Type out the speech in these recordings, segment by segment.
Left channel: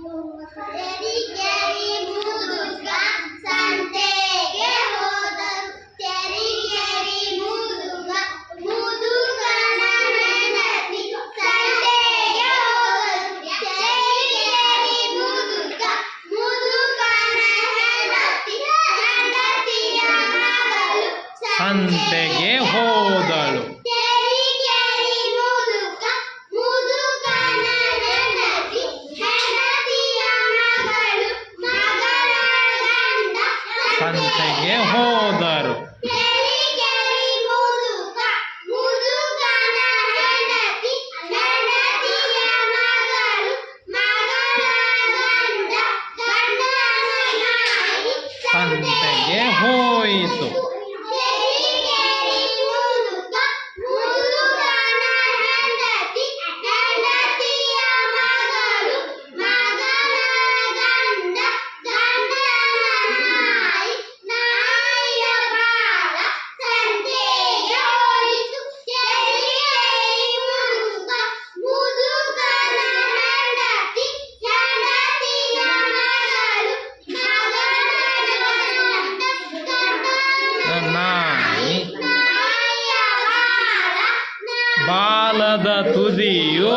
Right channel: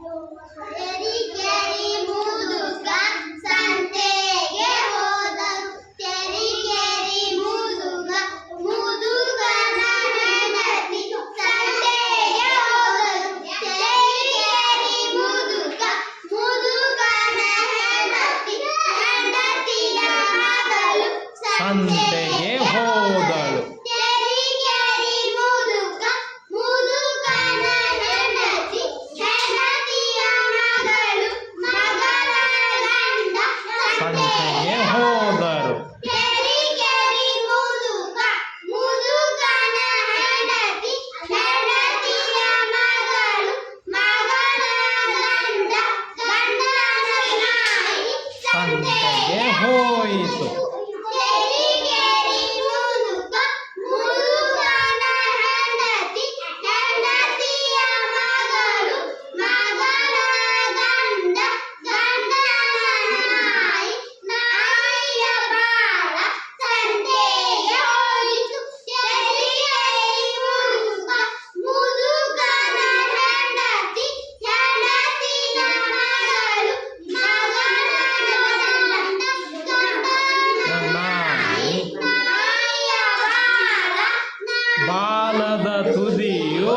ತೆರಿಗೆರಿ ಮುದುಕ ಸಂತೆಗೆ ಹೋದರು. ತೆರಿಗೆರಿ ಮುದುಕ ಮುದುಕನ ಹೆಂಡತಿ ಸಂತೆಗೆ ಹೋದರು. ತೆರಿಗೆರಿ ಮುದುಕ ಮುದುಕನ ಹೆಂಡತಿ ಹೆಂಡತಿಯ ಮಗಳು ಸಂತೆಗೆ ಹೋದಳು. ತೆರಿಗೆರಿ ಮುದುಕ ಮುದುಕನ ಹೆಂಡತಿ ಹೆಂಡತಿಯ ಮಗಳು ಮಗಳ ಗಂಡ ಸಂತೆಗೆ ಹೋದರು. ತೆರಿಗೆರಿ ಮುದುಕ ಮುದುಕನ ಹೆಂಡತಿ ಹೆಂಡತಿಯ ಮಗಳು ಮಗಳ ಗಂಡ ಗಂಡನ ನಾಯಿ ಸಂತೆಗೆ ಹೋಯಿತು. ತೆರಿಗೆರಿ ಮುದುಕ ಮುದುಕನ ಹೆಂಡತಿ ಹೆಂಡತಿಯ ಮಗಳು ಮಗಳ ಗಂಡ ಗಂಡನ ನಾಯಿ ನಾಯಿಯ ಬಾಲ ಸಂತೆಗೆ ಹೋಯಿತು. ತೆರಿಗೆರಿ ಮುದುಕ ಮುದುಕನ ಹೆಂಡತಿ ಹೆಂಡತಿಯ ಮಗಳು ಮಗಳ ಗಂಡ ಗಂಡನ ನಾಯಿ ನಾಯಿಯ ಬಾಲದ ತುದಿಯು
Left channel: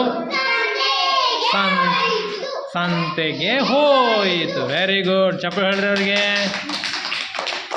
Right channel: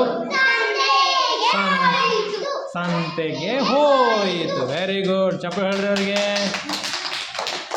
ಸಂತೆಗೆ ಹೋಯಿತು. Very good. ಚಪ್ಪಾಳೆ ಹೇಳ್ರಿ ಅವ್ರಿಗೆ.